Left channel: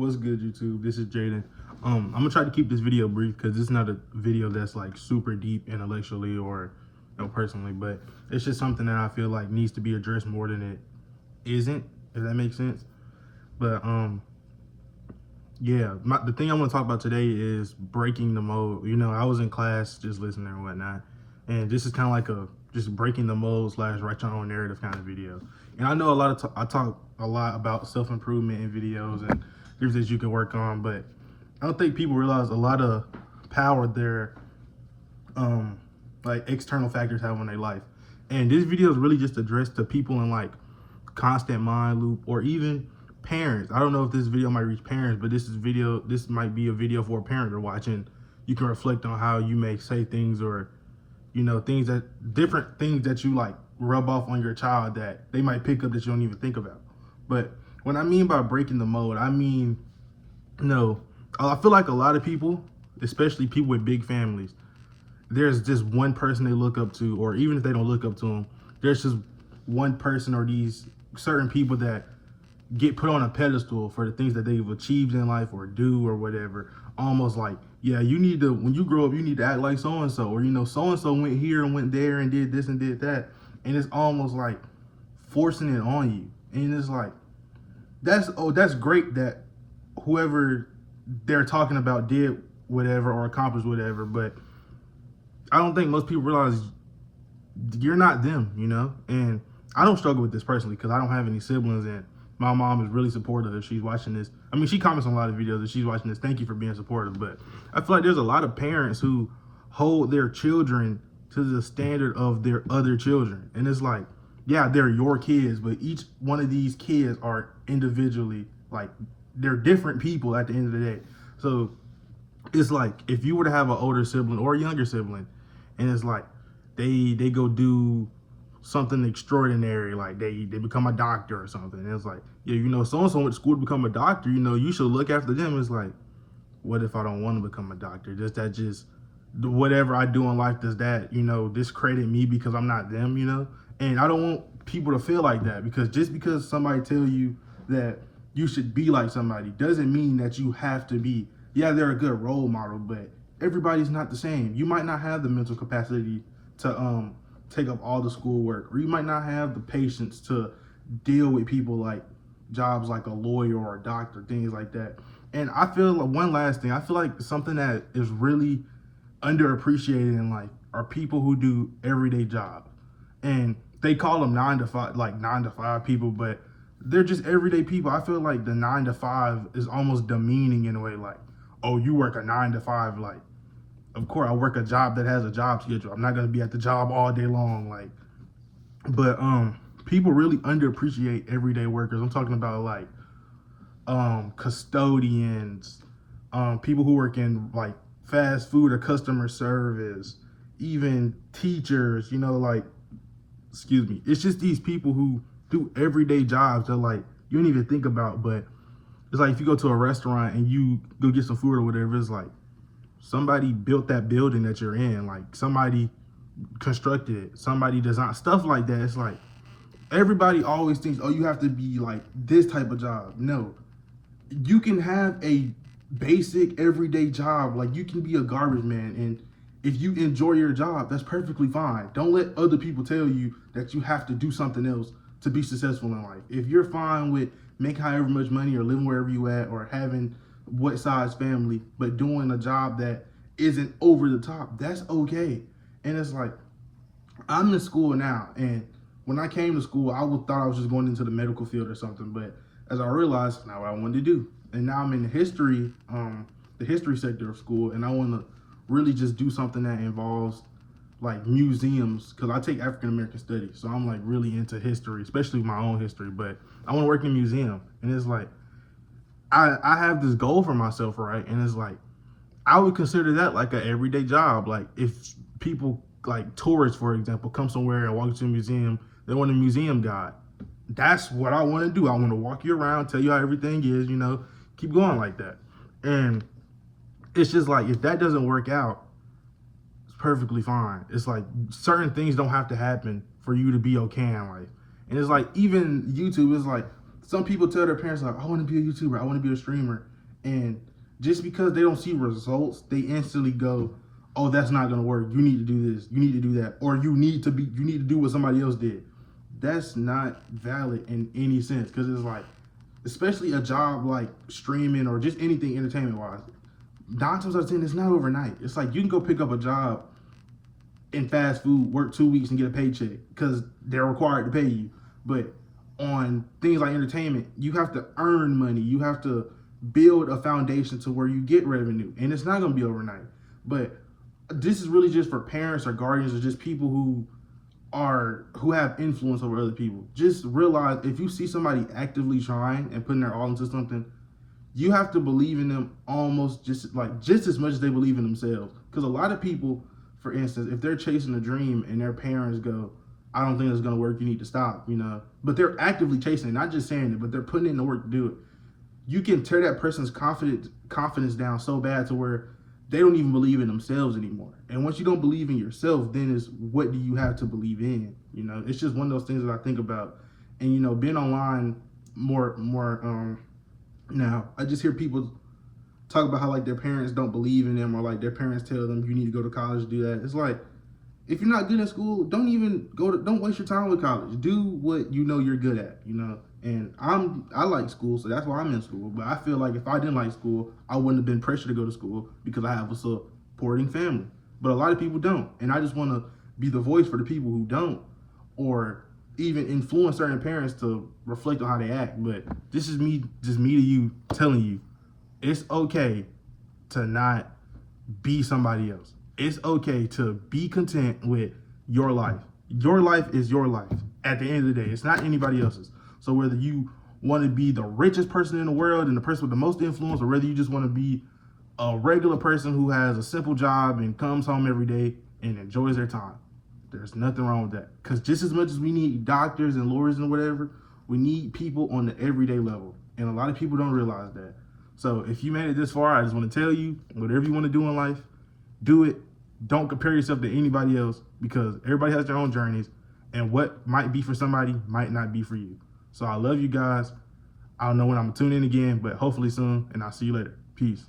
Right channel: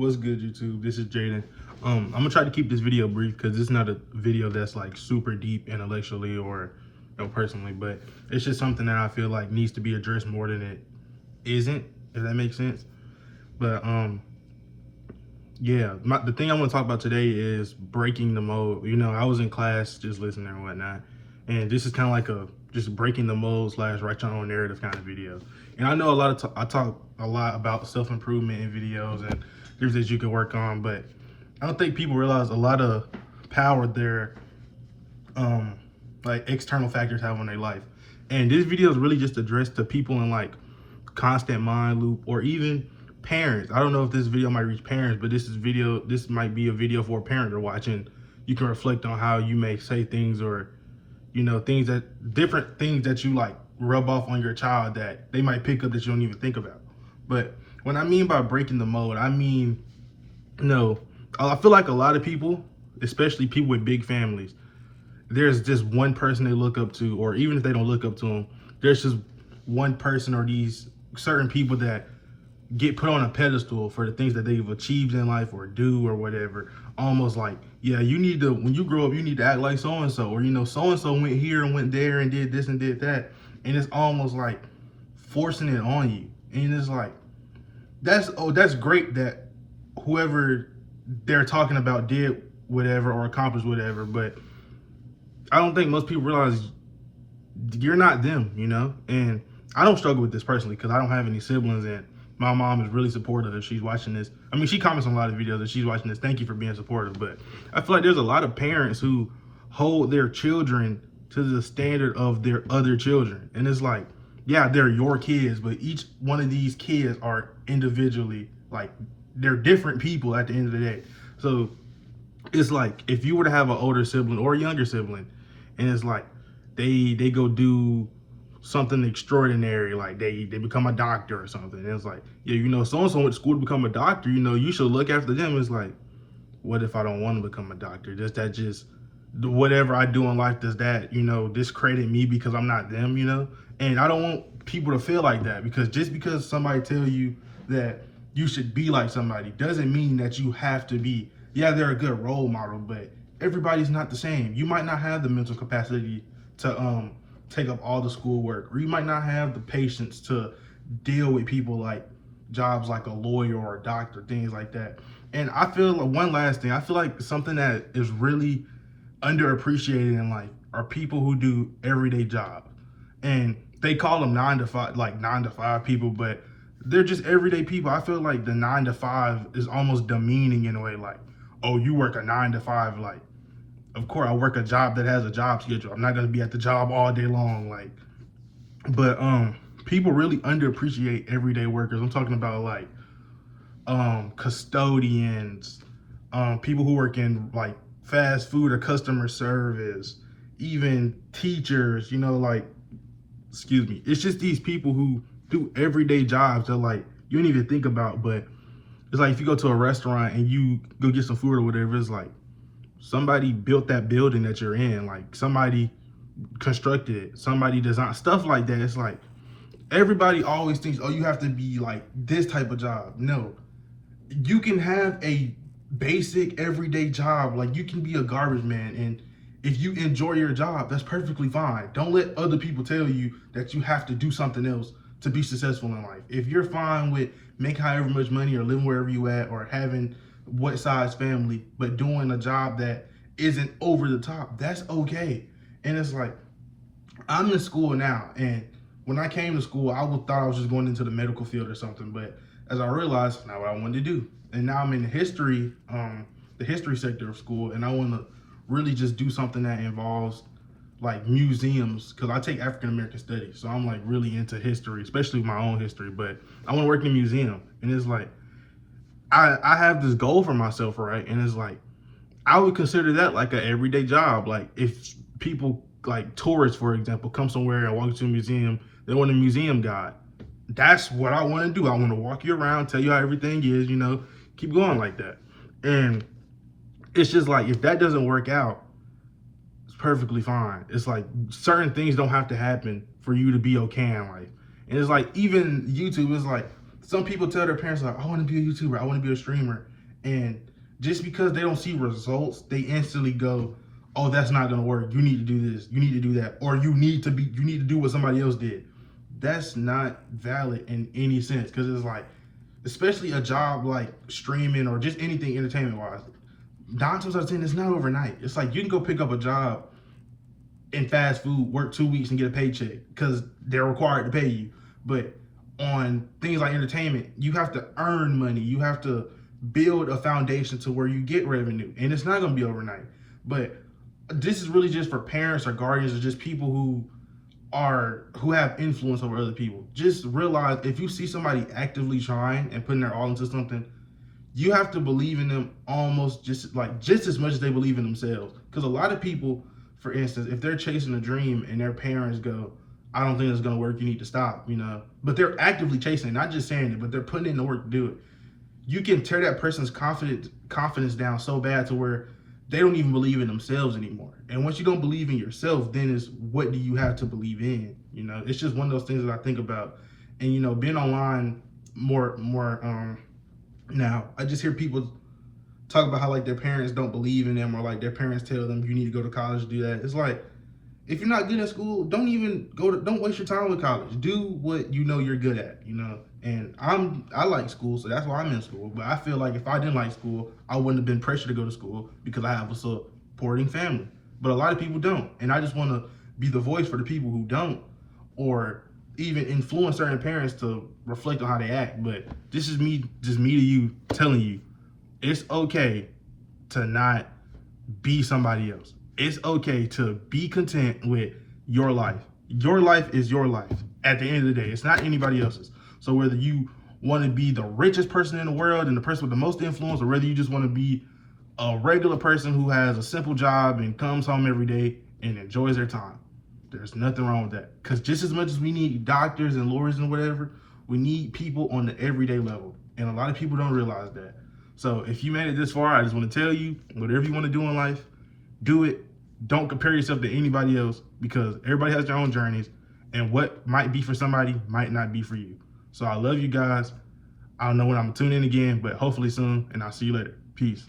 What's good, YouTube? This is Jaden. I'm gonna try to keep this video brief because it's not a video that's like super deep intellectually or personally, but it's just something that I feel like needs to be addressed more than it isn't, if that makes sense. But yeah, the thing I want to talk about today is breaking the mold. You know, I was in class just listening and whatnot, and this is kind of like a just breaking the mold / write your own narrative kind of video. And I know I talk a lot about self-improvement in videos and things that you can work on, but I don't think people realize a lot of power their like external factors have on their life. And this video is really just addressed to people in like constant mind loop, or even parents. I don't know if this video might reach parents, but this might be a video for a parent to watch, and you can reflect on how you may say things, or different things that you like rub off on your child that they might pick up that you don't even think about. But when I mean by breaking the mold, I mean, I feel like a lot of people, especially people with big families, there's just one person they look up to, or even if they don't look up to them, there's just one person or these certain people that get put on a pedestal for the things that they've achieved in life or do or whatever. Almost like, yeah, you need to, when you grow up, you need to act like so-and-so, or, so-and-so went here and went there and did this and did that. And it's almost like forcing it on you. And it's like, that's great that whoever they're talking about did whatever or accomplished whatever, but I don't think most people realize you're not them, And I don't struggle with this personally because I don't have any siblings, and my mom is really supportive if she's watching this. I mean, she comments on a lot of videos if she's watching this. Thank you for being supportive. But I feel like there's a lot of parents who hold their children to the standard of their other children. And it's like, yeah, they're your kids, but each one of these kids are individually, like, they're different people at the end of the day. So it's like, if you were to have an older sibling or a younger sibling, and it's like they go do something extraordinary, like they become a doctor or something, and it's like, yeah, so-and-so went to school to become a doctor, you should look after them. It's like, what if I don't want to become a doctor? Just whatever I do in life, does that, discredit me because I'm not them, And I don't want people to feel like that, because just because somebody tell you that you should be like somebody doesn't mean that you have to be. Yeah, they're a good role model, but everybody's not the same. You might not have the mental capacity to take up all the schoolwork, or you might not have the patience to deal with people like jobs like a lawyer or a doctor, things like that. And I feel like one last thing, I feel like something that is really underappreciated in life are people who do everyday jobs. And they call them 9 to 5 people, but they're just everyday people. I feel like the 9 to 5 is almost demeaning in a way, like, oh, you work a 9 to 5, like, of course I work a job that has a job schedule. I'm not gonna be at the job all day long, like. But people really underappreciate everyday workers. I'm talking about like custodians, people who work in like fast food or customer service, even teachers, it's just these people who do everyday jobs that like you don't even think about. But it's like if you go to a restaurant and you go get some food or whatever, it's like somebody built that building that you're in, like somebody constructed it, somebody designed stuff like that. It's like everybody always thinks, oh, you have to be like this type of job. No, you can have a basic everyday job. Like you can be a garbage man, and if you enjoy your job, that's perfectly fine. Don't let other people tell you that you have to do something else to be successful in life. If you're fine with making however much money or living wherever you at or having what size family, but doing a job that isn't over the top, that's okay. And it's like, I'm in school now, and when I came to school, thought I was just going into the medical field or something, but as I realized, not what I wanted to do. And now I'm in the history sector of school, and I want to really just do something that involves like museums, because I take African American studies, so I'm like really into history, especially my own history. But I want to work in a museum, and it's like I have this goal for myself, right? And it's like I would consider that like an everyday job. Like if people like tourists, for example, come somewhere and walk into a museum, they want a museum guide. That's what I want to do. I want to walk you around, tell you how everything is, keep going like that. And it's just like, if that doesn't work out, it's perfectly fine. It's like certain things don't have to happen for you to be okay in life. And it's like, even YouTube is like, some people tell their parents like, I want to be a YouTuber, I want to be a streamer, and just because they don't see results, they instantly go, oh, that's not gonna work. You need to do this, you need to do that, or you need to do what somebody else did. That's not valid in any sense, because it's like, especially a job like streaming or just anything entertainment wise, 9 times out of 10, it's not overnight. It's like you can go pick up a job in fast food, work 2 weeks and get a paycheck because they're required to pay you. But on things like entertainment, you have to earn money. You have to build a foundation to where you get revenue, and it's not going to be overnight. But this is really just for parents or guardians or just people who have influence over other people. Just realize, if you see somebody actively trying and putting their all into something, you have to believe in them almost just as much as they believe in themselves. Because a lot of people, for instance, if they're chasing a dream and their parents go, I don't think it's going to work, you need to stop, but they're actively chasing it, not just saying it, but they're putting in the work to do it. You can tear that person's confidence down so bad to where they don't even believe in themselves anymore. And once you don't believe in yourself, then it's, what do you have to believe in? It's just one of those things that I think about. And being online more now, I just hear people talk about how like their parents don't believe in them, or like their parents tell them you need to go to college to do that. It's like, if you're not good at school, don't waste your time with college. Do what you know you're good at, And I like school, so that's why I'm in school. But I feel like if I didn't like school, I wouldn't have been pressured to go to school because I have a supporting family. But a lot of people don't, and I just want to be the voice for the people who don't, or even influence certain parents to reflect on how they act. But this is me to you, telling you, it's okay to not be somebody else. It's okay to be content with your life. Your life is your life at the end of the day. It's not anybody else's. So whether you want to be the richest person in the world and the person with the most influence, or whether you just want to be a regular person who has a simple job and comes home every day and enjoys their time, there's nothing wrong with that. Because just as much as we need doctors and lawyers and whatever, we need people on the everyday level. And a lot of people don't realize that. So if you made it this far, I just want to tell you, whatever you want to do in life, do it. Don't compare yourself to anybody else, because everybody has their own journeys, and what might be for somebody might not be for you. So I love you guys. I don't know when I'm going to tune in again, but hopefully soon, and I'll see you later. Peace.